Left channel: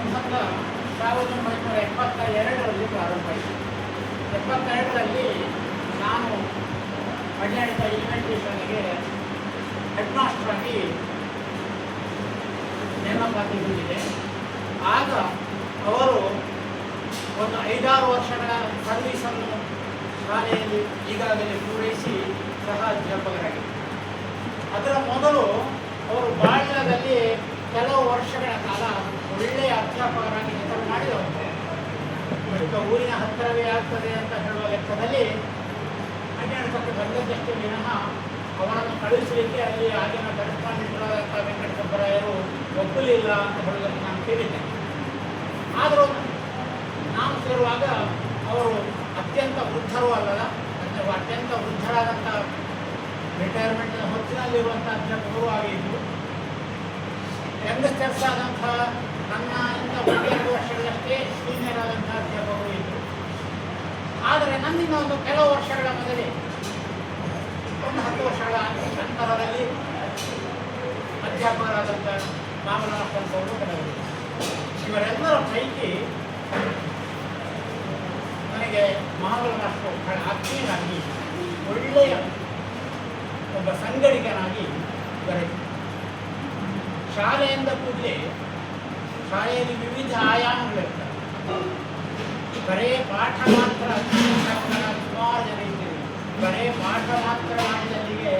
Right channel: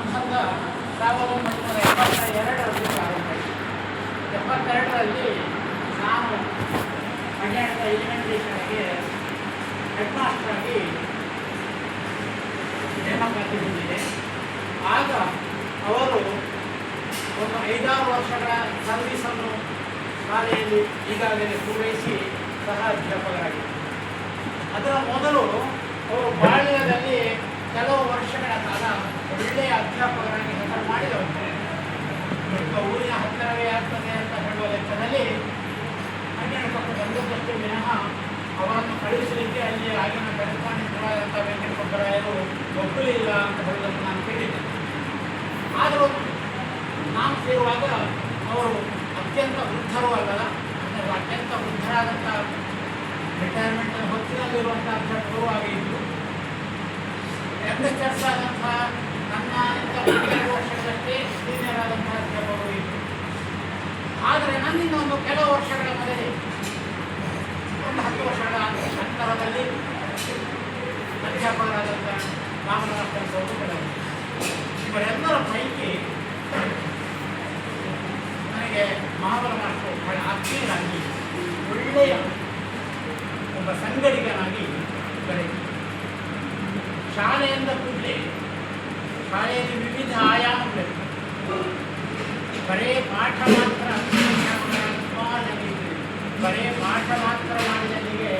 ಸಂಬಂಧ 1972ರಲ್ಲಿ ಪ್ರಾರಂಭ ಆಯಿತು. 72ರಲ್ಲಿ ನಾನು ಕರ್ನಾಟಕ ಎಲಿಮೆಂಟ್ರಿ ಶಾಲೆಗೆ ಹೆಡ್ ಮಾಸ್ಟರ್ ಆಗಿ ನೇಮಕಾತಿಗೊಂಡಿದೆ. ಆಗ ಅವರು ಒಂದು 5-6 ವರ್ಷಗಳ ಸರ್ವೀಸನ್ನು ಶಾಲೆಯಲ್ಲಿ ಈಗಾಗಲೇ ಪೂರೈಸಿ ಸಹ ಅಧ್ಯಾಪಕರಾಗಿದ್ದರು. ಅದರ ಮೊದಲು ಅವರು ಬಾಳ್ಯದಲ್ಲಿ ಕೆಲವು ವರ್ಷಗಳ ಕಾಲ ಒಳ್ಳೆಯ ಅಧ್ಯಾಪಕರಾಗಿ ಕೆಲಸ ಮಾಡಿದವರು. ಊರಿನ ಹತ್ತಿರವೇ ಆಗ್ತದೆ ಅಂತ ಹೇಳುವ ಲೆಕ್ಕದಲ್ಲಿ ಕರ್ನಾಟಕಕ್ಕೆ ಬಂದದ್ದಷ್ಟೇ ವಿನಃ ಅವರನ್ನು ಕಳುಹಿಸಲಿಕ್ಕೆ ಅಲ್ಲಿ ಆಗಿನ ಬೆಳಕಾಣಿತರಾದಂಥ ವೆಂಕಟಸುಬ್ಬರಾಯರು ಒಪ್ಪಲಿಲ್ಲ ಅಂತ ಹೇಳುವುದನ್ನು ನಾನು ಕೇಳಿದ್ದೇನೆ. ಆದರೂ ನಾನು ಸೇರುವಾಗ ಅವರು ಅತ್ಯಂತ ವೃದ್ಧರೂ ಅಲ್ಲದ ಅಥವಾ ಅತ್ಯಂತ ವೃದ್ಧರಾದಂಥ ರಿಟೈರ್ಮೆಂಟ್ ಹೊತ್ತಿನಲ್ಲಿರುವಂಥ ಅಧ್ಯಾಪಕರು ಹಾಗೆ ಇದ್ದರು. ಯಂಗ್ಸ್ಟರ್ಸ್ ಆದಂಥ ನನ್ನಿಂದ 1-2 ವರ್ಷಗಳಷ್ಟೇ ಸೀನಿಯರ್ ಆದಂಥ ಅಧ್ಯಾಪಕರು ಇದ್ದರು. ಆದರೆ ನನ್ನಿಂದ ಒಂದು ಕೆಲವು ವರ್ಷಗಳ ಮೊದಲೇ ಒಂದು 10 ವರ್ಷಗಳ ನಂತರದಲ್ಲಿ ಅಧ್ಯಾಪಕರಾದಂಥ ರಾಮನಾಥನ್ ಕೆಲವರು. ಇವರೆಲ್ಲರ ಪೈಕಿ ನನಗೆ ಮಹಾಬಲ ಮಾಸ್ಟರು ಬಹಳ ಆತ್ಮೀಯರಾಗಿ ಒಳ್ಳೆಯ ಒಬ್ಬ ಸಂಗಡಿಗನಾಗಿ ದೊರೆಯಿತು. ಶಾಲೆಯಿಂದ ಕೂಡಲೇ ಶಾಲೆಯಲ್ಲಿ ವಿವಿಧ ಆಯಾಮಗಳಿರ್ತವೆ. ಬರೇ ಪಾಠ ಮಾತ್ರ ಸುಮಾರು ಜನ ಇದ್ದೀವಿ. ಬರೇ ಪಾಠ ಮಾತ್ರ ಮಾಡಿದವರಿಗೆ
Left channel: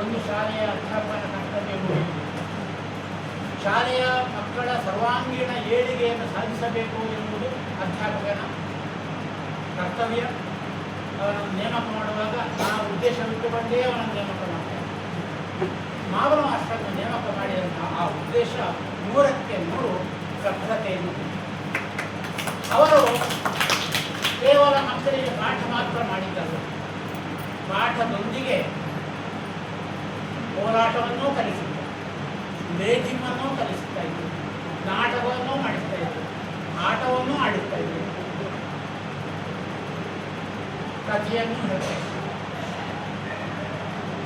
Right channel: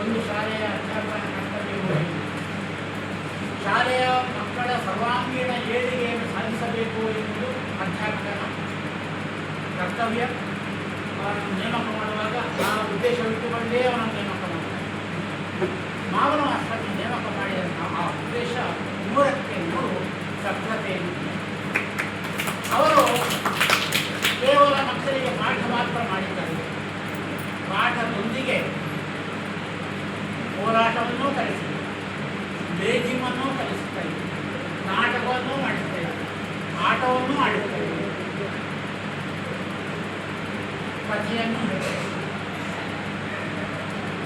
ಒಂದು ಶಾಲೆಯ ಅಧ್ಯಾಪಕನ ಕರ್ತವ್ಯ ಮುಗಿಯಿತು. ಶಾಲೆಯ ಮಕ್ಕಳ ಸರ್ವಾಂಗೀಣ ಏಳಿಗೆಯನ್ನು ಸಾಧಿಸಬೇಕು ಎನ್ನುವುದು ಅಧ್ಯಾಪಕನ ಕರ್ತವ್ಯ. ಅವರನ್ನು ನೇಮಕ ಮಾಡುವಾಗ ಆ ಉದ್ದೇಶವಿಟ್ಟುಕೊಂಡೇ ಅವರನ್ನು ನೇಮಕ ಮಾಡುತ್ತಾರೆ. ಮಾವನ ಅಷ್ಟನ್ನು ನೇಮಕ ಮಾಡಿದಂಥ ಆ ಉದ್ದೇಶ 3ಕ್ಕೆ 3 ಶುಭ್ರತೆಯನ್ನು. ಅವರು ಕೇವಲ ಮಕ್ಕಳಿಗೆ ಪಾಠ ಮಾತ್ರ ಮಾಡಿದ್ದಾರೆ. ಪಾಠದೊಂದಿಗೆ ಹೋರಾಟವನ್ನೂ ಕಲಿಸಿದ್ದಾರೆ, ಲೇಖಿಮನ್ನೂ ಕಲಿಸ್ತಾ ಇದ್ದರು, ನಾಟಕವನ್ನೂ ಮಾಡಿಸ್ತಾ ಇದ್ದರು, ಆಟವನ್ನೂ ಆಡಿಸ್ತಾ ಇದ್ದರು, ಕಥೆಯನ್ನು ಹೇಳ್ತಾರೆ.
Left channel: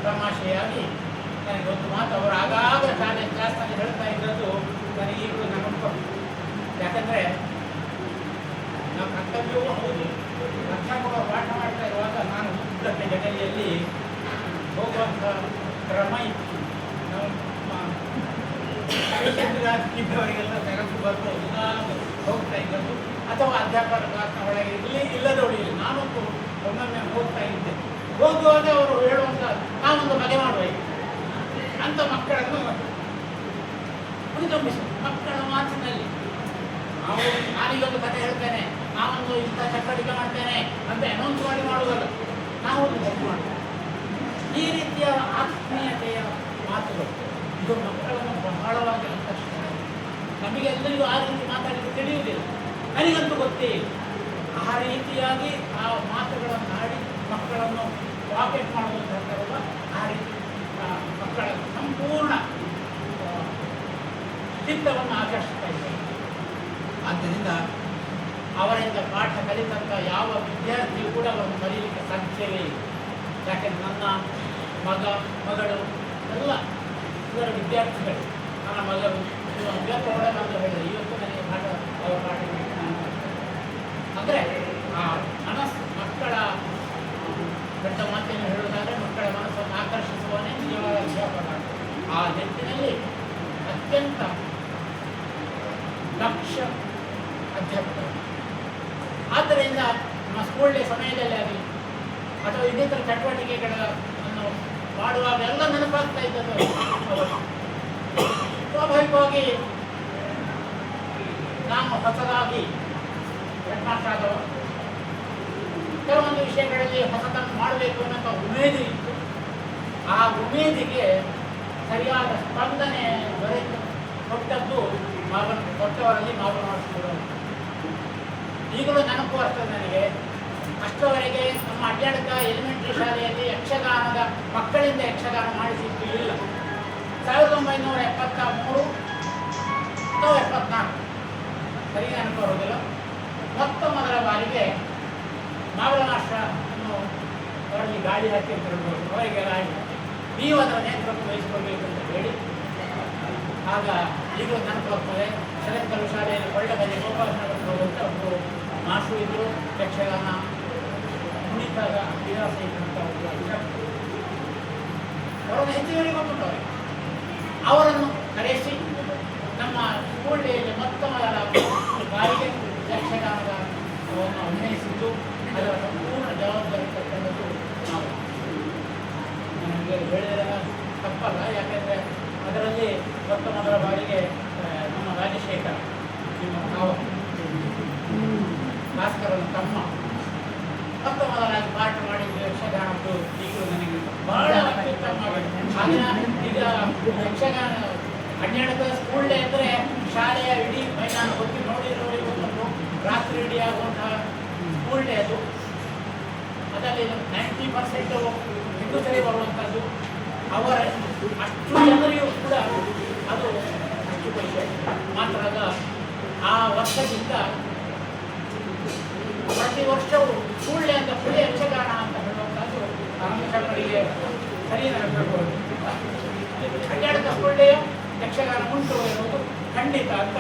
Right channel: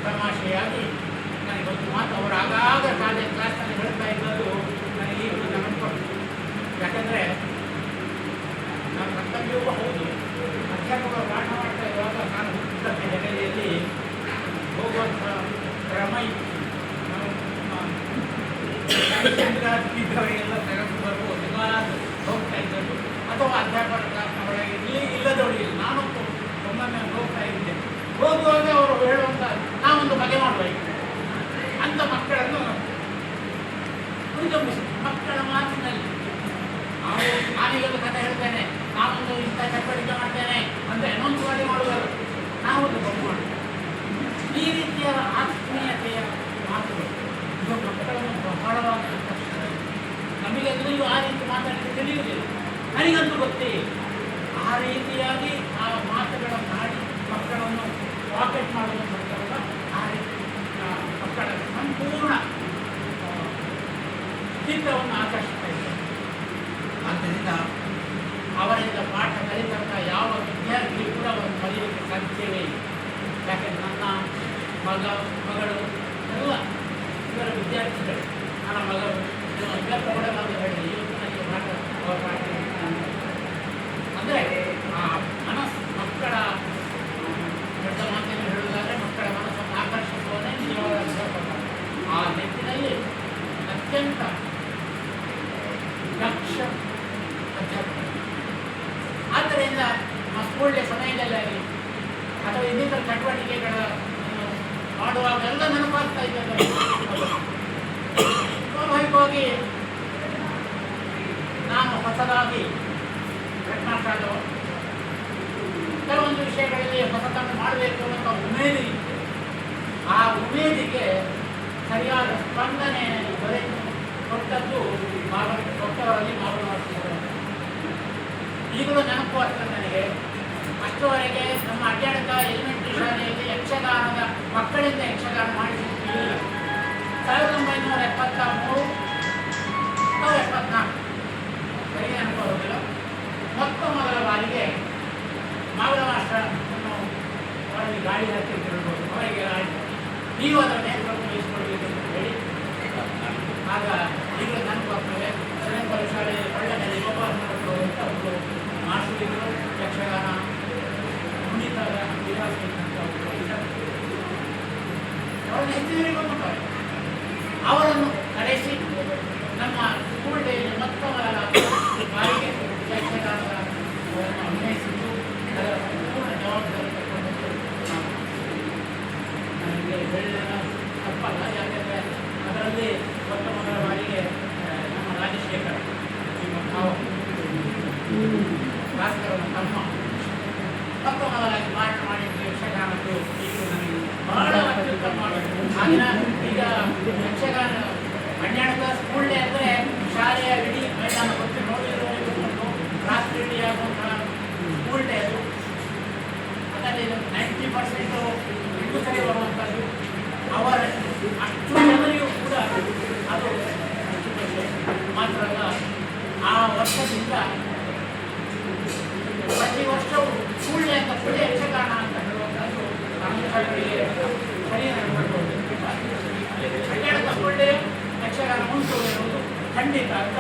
ತಮಾಷೆಯಾಗಿ ನನಗೊಂದು ಮಾತು ಅವರು ಆಗಾಗ ಶಾಲೆ ಕ್ಲಾಸ್ನಲ್ಲಿ ಹೇಳ್ತಾ ಇದ್ದದ್ದು ನನಗೆ ಈಗ ನೆನಪು. ಯಾಕಂದರೆ ನನ್ನ ಕರ್ತವ್ಯವೂ ಹೌದು. ಅಧ್ಯಾಪಕರು ಪಾಠ ಮಾಡ್ತಾ ಇರುವಾಗ ನಾನು ಉದ್ದಕ್ಕೆ ಜಗಲಿಯಲ್ಲಿ ಹೋಗುವಂಥ ಕ್ರಮ ಇತ್ತು. ಅವರಿಗೆಲ್ಲ ನೆನಪು ಬರ್ಬೋದು, ಎಲ್ಲಾದರೂ ಹೋಗ್ತಾ ಇದ್ದದ್ದು ಅಥವಾ ಅಧ್ಯಾಪಕ ಕ್ಲಾಸ್ನ ಒಳಗೆ ಇಲ್ಲದವರು ಇಲ್ಲ. ನಾನಂತೂ ಒಮ್ಮೊಮ್ಮೆ ಹೋಗ್ತಾ ಇದ್ದೆ. ಹೋಗುವಾಗ ಅವರು ಹೇಳುವಂಥ ನಾವೊಂದು ಮನೆ ಮಾಡಬೇಕು ಅಂತ ಮಕ್ಕಳನ್ನು ಹುರಿದುಂಬಿಸಿ ಮಕ್ಕಳ ಮಾತಿನಲ್ಲಿ ಅವರು ನಾನೀಗೊಂದು ಕಥೆ ಹೇಳ್ತೇನೆ, ನಾನೊಂದು ಇಂಥ ಚಟುವಟಿಕೆ ಮಾಡ್ತೇನೆ ಅಂತ ಅನೌನ್ಸ್ ಮಾಡುವುದಲ್ಲ, ನಾವೊಂದು ಗೊತ್ತು ಮಾಡ್ತೇವೆ. ಈ ರೀತಿಯ ಆತ್ಮೀಯತೆಯ ಮಾತುಗಳು ಇದು ಮಕ್ಕಳನ್ನು ಬಹಳವಾಗಿ ಆಕರ್ಷಿಸ್ತದೆ. ನಮಗೆ ಎಲ್ಲರಿಗೂ ಆ ರೀತಿ ಮಾತಾಡಲಿಕ್ಕೆ ತಿಳಿಯುವುದಿಲ್ಲ, ನನಗಂತೂ ಗೊತ್ತೇ ಇಲ್ಲ. ಆ ರೀತಿಯಾಗಿ ಆ ಮಾತುಗಳನ್ನು ಮಾಡಿ ಮಕ್ಕಳನ್ನು ಪಾಕೆಟ್ ಮಾಡುವಂಥದ್ದಲ್ಲ, ಆ ರೀತಿ ಮಕ್ಕಳ ಸಂಪೂರ್ಣ ಚಿತ್ತವನ್ನು ಆಕರ್ಷಿಸ್ತಾ ಇದ್ದಾರೆ. ಆದ್ದರಿಂದ ಅವರಿಂದ ಪಾಠ ಕಲಿತಂಥ ಯಾವ ವಿದ್ಯಾರ್ಥಿ ಕೂಡ ಒಂದು ಕಲಿಯಲಿಕ್ಕೆ ಸಾಧ್ಯವೇ ಇಲ್ಲ. ಯಾಕೆಂದರೆ ನನ್ನ ಮಗಳು ಎಲ್ಲ ಇವರ ವಿದ್ಯಾರ್ಥಿಗಳು. ನನ್ನ ಮಗಳು ಇವತ್ತು ಒಳ್ಳೆಯ ಅಂತ ಹೇಳಿದೆ, ಇವತ್ತು ನನಗೆ ಪಾಠ ಅವರ ಪಾಠ ಅಂದರೆ ಆ ಮನಸ್ಸು ಮಕ್ಕಳ ದೊಡ್ಡ ಮಾತನ್ನು ಹೇಳುವುದಾದರೆ ಮಕ್ಕಳ ಮನಸ್ಸನ್ನು ಆಕರ್ಷಿಸುವನೇ ನಿಜವಾದ ಅಧ್ಯಾಪಕ. ಆ ನಿಟ್ಟಿನಲ್ಲಿ ಅತ್ಯಂತ ದಕ್ಷ ಅಧ್ಯಾಪಕರು. ಆದ್ದರಿಂದ ನಮ್ಮ ಸ್ಕೂಲ್ ಡೇ ಸಮಯದಲ್ಲಿ ಆಗಲಿ ಅಥವಾ ಇನ್ನಿತರ ಚಟುವಟಿಕೆಗಳನ್ನು ಮಾಡುವಾಗ ಎಲ್ಲ ನೆನಪಾಗ್ತಾ ಇದ್ದದ್ದು ಸ್ವಾಭಾವಿಕವಾಗಿ ನಾನು ಹೊಸದಾಗಿ ಹೆಡ್ಮಾಸ್ಟರ್ ಕೆಲವೊಂದು ವಿಷಯಗಳಲ್ಲಿ ಹೊಸತನ್ನು ಮಾಡಬೇಕು ಅನ್ನೋ ಉಮೇದು ಇತ್ತು. ಆ ಉಮೇದಿಗೆ ಸರಿಯಾದ ಸ್ಪಂದನೆ ಕೊಟ್ಟದ್ದು ಕೊಟ್ಟವರಲ್ಲಿ ಮಾವನ ಮಾಸ್ಟರು. ಈಗಲೂ ನೆನಪು ಆಗ್ತದೆ ನನಗೆ. ಅಷ್ಟರವರೆಗೆ ನಮ್ಮ ಅಡ್ಡಾಡಕ ಎಲಿಮೆಂಟ್ರಿ ಶಾಲೆಯಲ್ಲಿ ಯಕ್ಷಗಾನದ ಮಕ್ಕಳಿಂದ ಯಕ್ಷಗಾನ ಮಾಡಿಸಿರಲಿಲ್ಲ. 1973 ಅಥವಾ 74 ಸರಿ ನೆನಪು ಬರೋದಿಲ್ಲ. ಮೊದಲ ಬಾರಿಗೆ ಮಾವನ ಮಾಸ್ಟರನ್ನು ಅವರಲ್ಲಿ ಗಾಳಿ ಹಾಕಿ ಹೇಳ್ಬೋದು, ಹೊರಗೆ ಆಯಿತು, ನೀವು ಅದರ ನೇತೃತ್ವ ವಹಿಸಿಕೊಳ್ಬೇಕು ಅಂತ ಹೇಳಿ. ಆಗ ಈಗಲೂ ನೆನಪು ಆಗ್ತದೆ. ಶಾಲೆಯಲ್ಲಿ ಅವರನ್ನು ಹೆಚ್ಚುವರಿಗೆ ಕೊಟ್ಟುತ್ತಾರೆ. ಅವರನ್ನು ಕರೆಸಿ ನಮ್ಮ ಸ್ಕೂಲ್ ಡೇಯಲ್ಲಿ ಮೊತ್ತವಾದ ಬಾರಿಗೆ ಯಕ್ಷಗಾನದ ಅಭಿನಯಿಸಿದ್ದು ಅದರ ಸಂಪೂರ್ಣ ಜವಾಬ್ದಾರಿ ತಗೊಂಡದ್ದು ನಾವು. ನನಗೆ ಹೇಳಿದ ತಪ್ಪಲ್ಲ, ಯಾಕೆಂದರೆ ಅದರಲ್ಲಿ ಮೊತ್ತ ಮೊದಲ ಬಾರಿಗೆ ನಮ್ಮ ರಾಜಶೇಖರ ನಾವು ಭಾಸ್ಕರನ ತಮ್ಮ ಮೊತ್ತ ಮೊದಲಾಗಿ ಪಾಠ ಮಾಡಿದ್ದು ಯಕ್ಷಗಾನದ್ದು ಈಗ ನನಗೆ ಬಹಳ ಅತ್ಯುತ್ತಮ. ಈಗ ಯಕ್ಷಗಾನ 12ನೇ ಸ್ಕೂಲ್ ಡೇ ಅಂದರೆ ಶಾಲೆಯ ಇಡೀ ಮೈದಾನ ಬಗ್ಗೆ ನೋಡಿರುವುದು ರಾತ್ರಿ ಇಡೀ ಆಗುವಂತಹ ಸ್ಕೂಲ್ ಡೇ ಅದು. ಅದರಲ್ಲಿ 90% ವಿಕುಸರಿ ಬರುವಂಥದ್ದು. ಅವರ ಅಷ್ಟು ಜನರಿಗೂ ಕೂಡ ಅದು ಮಾತ್ರ ಅಲ್ಲ, ಆ ವರ್ಷದಿಂದ ಪ್ರತಿ ವರ್ಷವೂ ಸ್ಕೂಲ್ ಡೇ ಅಂತ ಪುಡಿ ಯಕ್ಷಗಾನ ಅಂತ ಹೇಳುವಂಥದ್ದು ಆರಂಭಿಕರಿಗೆ ಸರಿ ನಡೆದುಕೊಂಡು 12ನೇ ಸ್ಕೂಲ್ ಡೇ ಯಕ್ಷಗಾನ ಉಂಟು ಎನ್ನುವುದು ಖಂಡಿತ ಅಂತ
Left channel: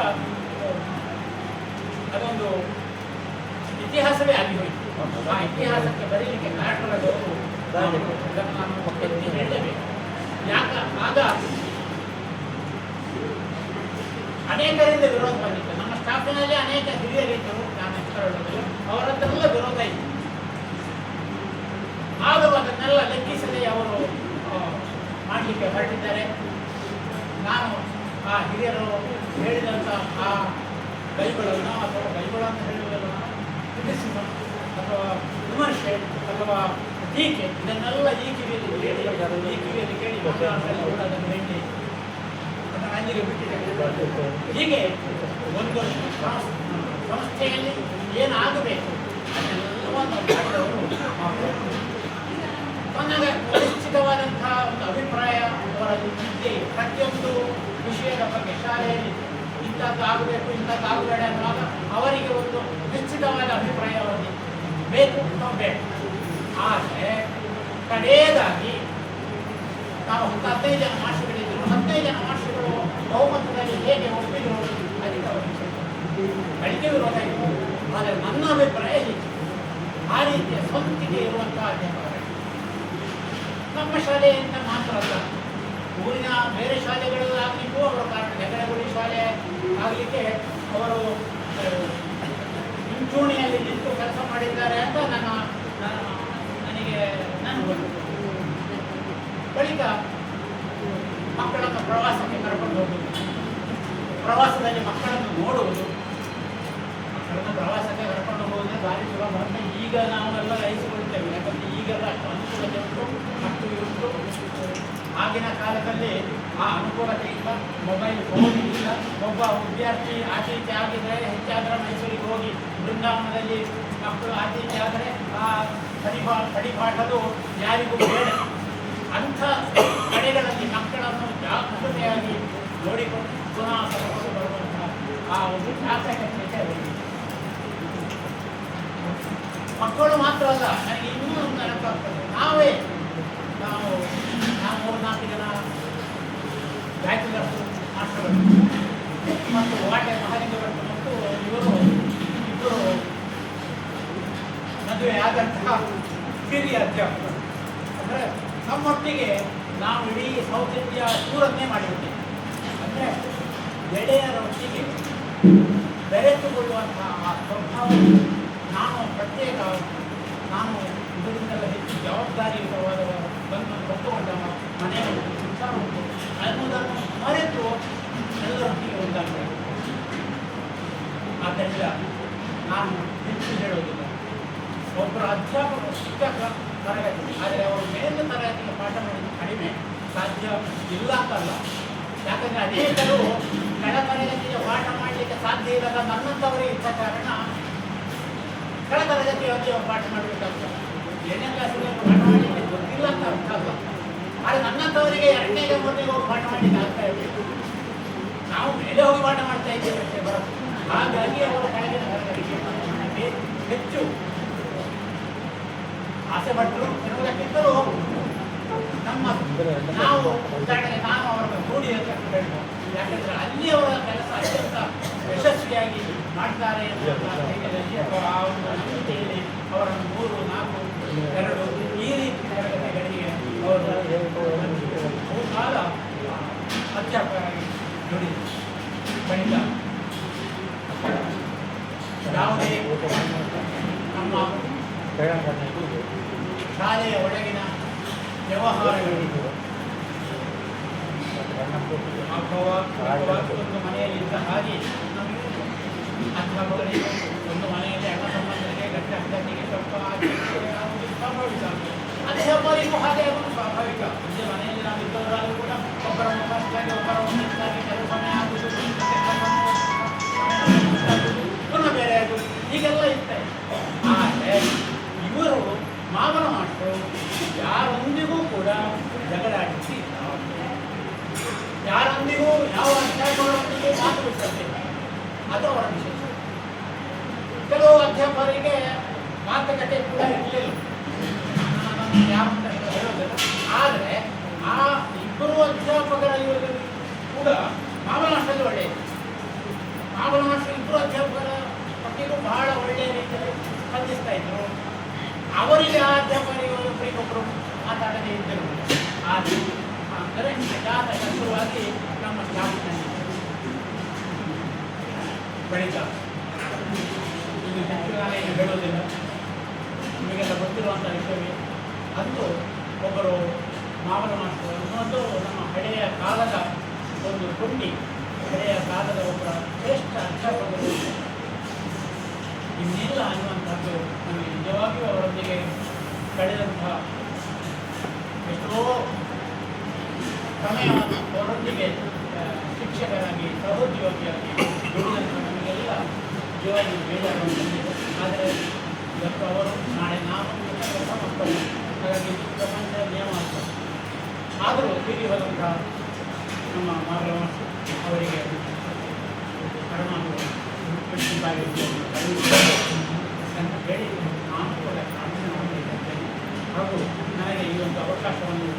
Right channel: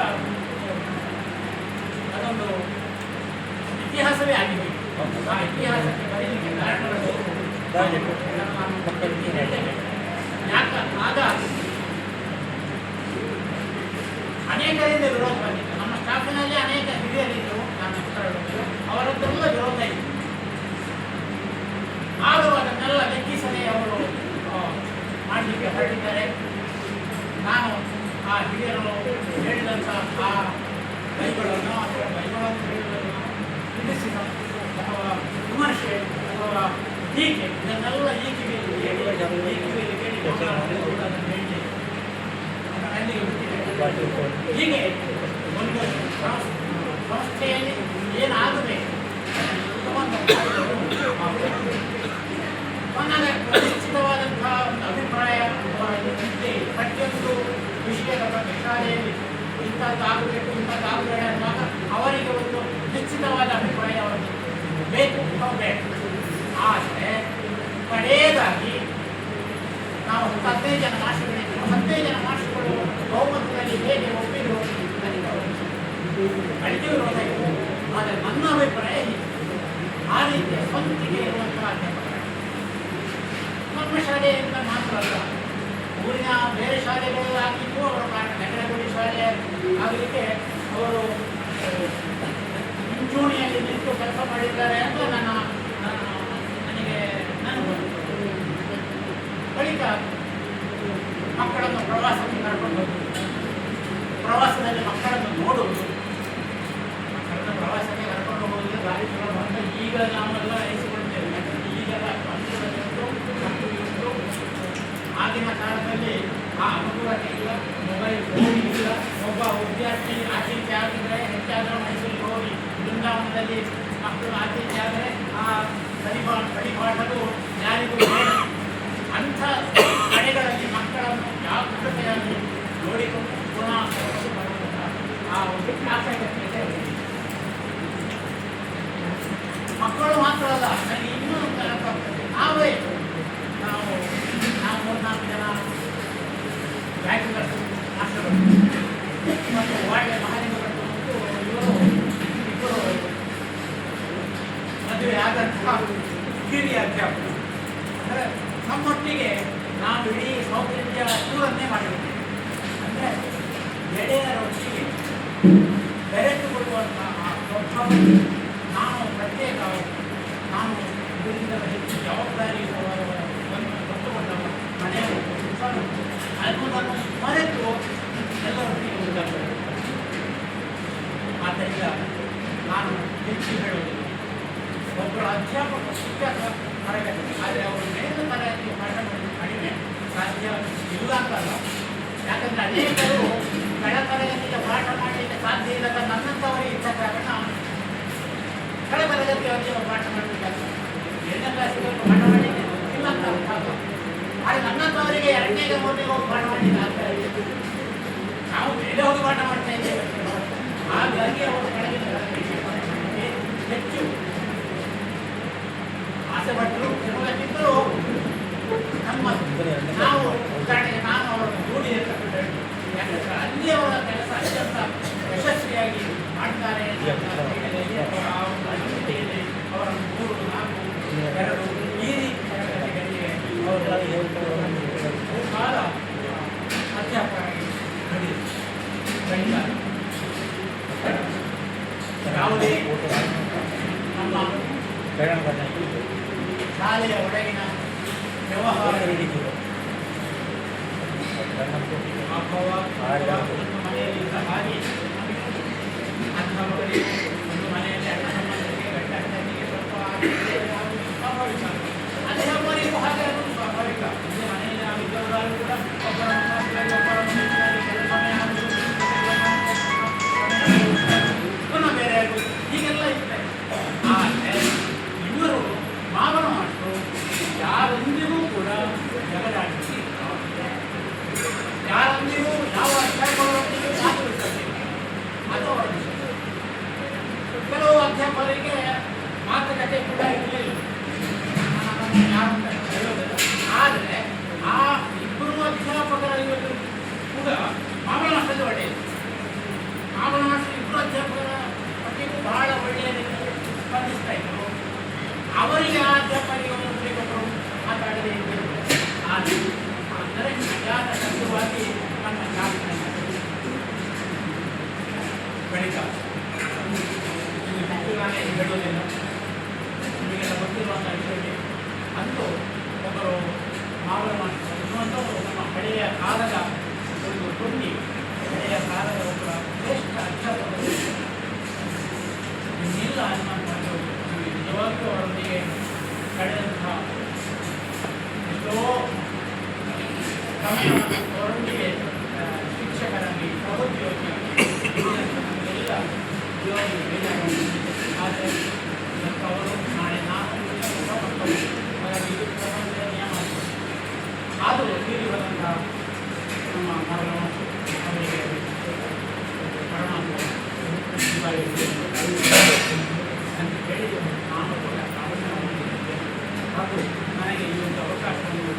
ಅದೊಂದು ಇತಿಹಾಸವೇ ಆಗಿಬಿಟ್ಟು ಆ ಇತಿಹಾಸಕ್ಕೆ ಬರೀಲಿಕ್ಕೆ ಕಾರಣಗಳು ಯಾಕೆ ಆಗ ಅನೇಕರಿಂದ ವಿರೋಧ ಬಂದಿತ್ತು. ನಮ್ಮ ಸ್ಟಾಫಿನಲ್ಲಿ ಅನೇಕ ಹಿರಿಯರಿದ್ದರು, ನಾನು ಹೇಳೋದು ಅವರದ್ದೆಲ್ಲ ವಿರೋಧ ಇತ್ತು. ಆದರೂ ಅದನ್ನೆಲ್ಲ ಲೆಕ್ಕಿಸದೆ ಅವರು ಮಾಡಲಿಕ್ಕೆ ಹೊರಟಿದ್ದಾರೆ. ನಾನು ಆ ಹಿರಿಯರು ಹೇಳಿದಂಥ ಆ ಬೈಗಳನ್ನು ಅಥವಾ ಬೈಗಳನ್ನು ಹೇಳುವುದನ್ನು ಕ್ರಿಟಿಸಿಸಮ್ ಅಥವಾ ವಿಮರ್ಶೆ ಅಥವಾ ಟೀಕೆ ಇದನ್ನೆಲ್ಲ ಈಕೆಯಲ್ಲಿ ಕೇಳಿ ಹೀಗೆ ಒಂದು ಸಂಸ್ಥೆಯಲ್ಲಿ ಏನಾಗಬೇಕು ನನಗೆ ನಿಶ್ಚಿತವಾದಂತಹ ಒಂದು ಅಭಿಪ್ರಾಯ ಅವರಲ್ಲಿ ಪ್ರತಿಯೊಂದು ವಿಷಯದ ಬಗ್ಗೆ ಶಾಲೆಯಲ್ಲಿ ಇಂಥದ್ದಾಗಬೇಕು ಇಂಥದ್ದಾಗಬೇಡ ಅನ್ನುವಾಗ ಅವರಿಗೆ ಒಂದು ನಿಶ್ಚಿತವಾದ ಅಭಿಪ್ರಾಯ ಅವರಿಗೆ ಬೇಕು ಬೇಡ. ಆದರೆ ಕಡೆಯದಾಗಿ ನಾವು 15 ಜನ ಮಾಸ್ಟರ್ಗಳಿದ್ದರು. 15 ಜನ ಮಾಸ್ಟರ್ಗಳು ಬಹುಮತದಲ್ಲಿ ಹೇಗೆ ಒಪ್ಪಿದ್ರು ಅದಕ್ಕೆ ವಿರೋಧ ಇತ್ತು. ಆದರೆ ನನ್ನ ಅಭಿಪ್ರಾಯ ಆ ರೀತಿಯ ಸ್ವಂತಿಕೆ ಇರುವಂತಹ ಅಧ್ಯಾಪಕ ನಮ್ಮ ಶಾಲೆಯಿಂದ ಮಾತ್ರ ಅಲ್ಲ, ಊರಿನ ಬೇರೆ ಶಾಲೆಗಳು ಆಗಿದ್ದು ಅವರ ಕಾರಣ ನೆಗಡಗುಡಿ ಶಾಲೆ ಆಗಲಿಕ್ಕೆ ಅವರು ಮುಂಚೂಣಿಯಲ್ಲಿ ನಿಂತು ಕೆಲಸ ಮಾಡಿದ್ದಾರೆ ಅಂತ ನನಗೆ ಬಳಿಕ ಮಕ್ಕಳನ್ನು ಪ್ರವಾಸಕ್ಕೆ ಕರ್ಕೊಂಡು ಹೋಗುವುದು, ಪ್ರವಾಸದಲ್ಲಿ ಮಕ್ಕಳನ್ನು ನೋಡುವುದು, ಮಕ್ಕಳನ್ನು ಪ್ರವಾಸಕ್ಕೆ ಕರ್ಕೊಂಡು ಹೋಗುವುದು ಭಾರಿ ಸುಲಭ ಅಂತ ಈಗ ನಾವೆಲ್ಲ ಅನಿಸಿಕೊಳ್ತೇವೆ. ಯಾಕಂದರೆ ಈಗೆಲ್ಲ ಆಗಿನ ಕಾಲದಲ್ಲಿ ಆ ಅನುಕೂಲತೆ ಇಲ್ಲ, ಮೊಬೈಲ್ ಫೋನ್ ಇಲ್ಲ. ಒಬ್ಬ ವಿದ್ಯಾರ್ಥಿ ಆಚೀಚೆ ಆಗಿದ್ರೆ ಹೆಚ್ಚಾದರೆ ಮೈಸೂರಿಗೆ ಹೋಗಿ ಬೃಂದಾವನದಲ್ಲಿ ಮಕ್ಕಳು ಆಚೀಚೆ ಆದರೆ ಆ ಪರಿಪಾಠದು ಯಾರಿಗೂ ಬೇಡ. ಅಂಥ ಕಡೆಗಳಲ್ಲಿ ಮಕ್ಕಳನ್ನು ಜಾಗೃತೆಯಾಗಿ ನೋಡಿಕೊಂಡು ಪುನಃ ಬರುವಂತಹ ಆ ಒಂದು ಆಸಕ್ತಿತೆ ಮಕ್ಕಳು ಮಾತ್ರ ಅಲ್ಲ, ನನಗೆ ಇನ್ನೂ ಒಂದು ನೆನಪಾಗ್ತದೆ. ನಾವು 4 ಜನ ಬ್ಯಾಚುಲರ್ ಮಾಸ್ಟರ್ಗಳು ಮತ್ತು ವಾರ್ಡ್ ಮಹಾಲಿಂಗಗಳು ಮತ್ತು ಇಬ್ಬರು ಮದುವೆ ಆದಂತಹ ಹಿರಿಯ ಅಧ್ಯಾಪಕರು. ಅಂದರೆ ನಮ್ಮೊಟ್ಟಿಗೆ ನಾವು ಇಡೀ ಸೌತ್ ಇಂಡಿಯಾ ಟೂರನ್ನೇ ಮಾಡಿರುತ್ತೇವೆ. ಅಂದರೆ ಗೆಳೆಯರೊಟ್ಟಿಗೆ ಬೆರೆತುಕೊಳ್ಳುವಂತಹ ಆ ಸ್ವಭಾವ ನಾನು ಪ್ರತ್ಯೇಕ ನಾನು ಇದರಿಂದ ಹೆಚ್ಚು ಜವಾಬ್ದಾರಿ ಒತ್ತುಕೊಂಡವ ಮನೆಯಲ್ಲಿ ಕೆಲಸ ಮಾಡಿತು ಅನ್ನೋದನ್ನು ಮರೆತು ಎಲ್ಲರೊಟ್ಟಿಗೆ ಒಂದಾಗಬೇಕು. ಆದ್ದರಿಂದ ನಾನು ಹೆಚ್ಚು ಹೇಳುವುದಿಲ್ಲ. ಒಬ್ಬರ ಅಧ್ಯಾಪಕರು ಶಿಕ್ಷಕ ತರಗತಿ, ಆದರೆ ಅವರು ಮೇಲಿನ ತರಗತಿಗೆ ಪಾಠ ಮಾಡೋದು ಕಡಿಮೆ, ಸಾಧ್ಯ ಇಲ್ಲ ಅಂತಲ್ಲ. ಯಾಕಂದರೆ ಅನೇಕರು ಕೆಳ ತರಗತಿಗೆ ಪಾಠ ಮಾಡಲಿಕ್ಕೆ ಸಾಧ್ಯ ಇಲ್ಲದ ನನ್ನಂಥವರೇ ಇದ್ದ ಕಾರಣ ಕೆಳ ತರಗತಿಯವರಿಗೆ ಪಾಠ ಮಾಡಬೇಕಾಗ್ತದೆ. 8ನೇ ಕ್ಲಾಸಿಗೆ ಪಾಠ ಮಾಡಲಿಕ್ಕೆ ಗೊತ್ತಿಲ್ಲ ಅಂತ ಅರ್ಥ ಅಲ್ಲ. ಆದರೆ ನನ್ನಂಥವರಿಗೆ 2ನೇ 3ನೇ ಹೋಗಿ ಪಾಠ ಮಾಡಲಿಕ್ಕೆ ಆಗ್ತಾ ಇದೆ. ನಾವು ಮೇಲೆ ಹೋಗಿ ಪಾಠ ಮಾಡ್ತಾ ಇದ್ದೇವೆ. ಹಾಗಾಗಿ ಅವರು ಕೆಳಗಿನ ತರಗತಿಗೆ ಹೆಚ್ಚು ಆಸೆ ಪಟ್ಟರು. ಎನ್ನುವುದಕ್ಕಿಂತಲೂ ನಮ್ಮ ನಾವು ಉದಾಹರಣೆಗೆ ನಾನು ಅವರನ್ನು ನೋಡಿ ಹೇಳ್ಬೇಕು. ಯಾಕಂದರೆ ಅಲ್ಲಿ ಅವರ ಕೆಲಸ ಅತ್ಯಂತ ಯಶಸ್ವಿಯಾಗಿ ಮಾಡ್ತಾರೆ. ಅವರನ್ನು 3, 4, 2 ಈ ರೀತಿ ತರಗತಿಗಳಿಗೆ ಅವರು ಬಳಿಕ ಯಾವುದೇ ನಮ್ಮ ಶಾಲೆಯ ಒಳಗಿನ ವ್ಯವಹಾರ ಒಂದು ಮನೆಯಲ್ಲಿದ್ದ ಹಾಗೆ ಅಧ್ಯಾಪಕರಿಗೆ ಒಂದು ಮನೆಯಲ್ಲಿ ಅಣ್ಣ ಸಂಬಂಧರಿಗೆ ಗಂಡ ಹೆಂಡತಿಗೆ ಸ್ವಲ್ಪ ಸ್ವಾಭಾವಿಕ ಅಧ್ಯಾಪಕರಿಗೂ ಹಾಗೆ ಅದು ಸ್ವಾಭಾವಿಕ. ನಿಜ ಮನೆಯಲ್ಲಿ ನಾವು ಇದ್ದವರಾಗಿ ಕೂಡ ಒಬ್ಬರ ಪುನಃ ಬೇರೆ ಆಗುವುದು ಹೀಗೆಲ್ಲ ಇರ್ತದೆ. ಆದರೆ ಇವರು ಮಾವನ ಮಕ್ಕಳು ಯಾರೊಂದಿಗೂ ಕೂಡ ಜಗಳಾಡಿಸಿ ಯಾರೊಂದಿಗೂ ಯಾವ ಅಧ್ಯಾಪಕರೊಂದಿಗೂ ಮಾತು ಬಿಟ್ಟದೆ ಅದು ಅವರ ವಿಷಯ. ಕೆಲವು ಅಧ್ಯಾಪಕರಿಗೆ ಮಾತುಕತೆ ಕೂಡ ಇರಲಿಲ್ಲ, ಯಾರು ಅಂತ ಹೇಳೋದಿಲ್ಲ. ಆದರೆ ಆ ಇಬ್ಬರು ಅಧ್ಯಾಪಕರಲ್ಲಿ ಕೂಡ ಮಾವನ ಮಾಸ್ಟರಲ್ಲಿ ಒಳ್ಳೆಯದು. ಮಾವನ ಮಾಸ್ಟರ್ ಇಬ್ಬರು ಅಧ್ಯಾಪಕರ ಮಟ್ಟಿಗೂ ಬಹಳ ಒಳ್ಳೆಯ ರೀತಿಯಲ್ಲಿ ಸ್ಪಂದಿಸ್ತಾ ಇದ್ದರು. ಅವರಿಗೆ ಆ ಅಧ್ಯಾಪಕರಿಗೆ ಒಬ್ಬರಿಗೊಬ್ಬರು ಮಾತಾಡದೇ ಇದ್ದರು. ಅಂದರೆ ಅಜಾತ ಶತ್ರುವಾಗಿ ನಮ್ಮ ಶಾಸನ ಬಳಿಕ ಹೇಳುವುದಿಲ್ಲ, ನಿಮಗೆಲ್ಲ ಗೊತ್ತಿರುವಂಥ ವಿಷಯ. ಅಂದು ಒಬ್ಬರು ಮಾವನ ಮಾಸ್ಟರು ಅನ್ನುವಂಥವರು ನಮ್ಮ ಹಳೆಯ ಕಾಲದ ಒಂದು ಹುಟ್ಟಿ ಹಳೆಯ ಕಾಲದ ಒಬ್ಬರ ಶ್ರೇಷ್ಠ ಅಧ್ಯಾಪಕರು ಇನ್ನಿಲ್ಲ ಅನ್ನುವಂಥದ್ದು ನಮಗೆ ನಿಜವಾಗಿಯೂ ಅವರೊಂದಿಗೆ ಕಳೆದಂಥ ಎಷ್ಟೋ ಸಮಯ ಅವರೊಂದಿಗೆ ಶಿಕ್ಷಕರಾಗಿ ಪ್ರಬುದ್ಧಿಯಾಗಿ ನಮಗೆಲ್ಲ ಜೀವನ ಬೇಜಾರು. ಆದರೆ ಇವತ್ತು ಅವರು ನಾಳೆ ನಾವು ಕೆಲಸ ಮಕ್ಕಳು, ಹಾಗಾಗಿ ನಿಯಮ ಆದರೂ ಇಲ್ಲಿ ಬಂದಂಥ ನಮ್ಮ ಮಗಳು ಅವರಿಗೆ ಪರಿಣಾಮ ಅಂತ ಹೇಳಿ ನಾನು ಕೂಡ ಆಲೋಚನೆ ಮಾಡಿದ್ದೇನೆ. ಹಾಗೂ ನನಗೆ ಈ ಒಂದು ಅವಕಾಶವನ್ನು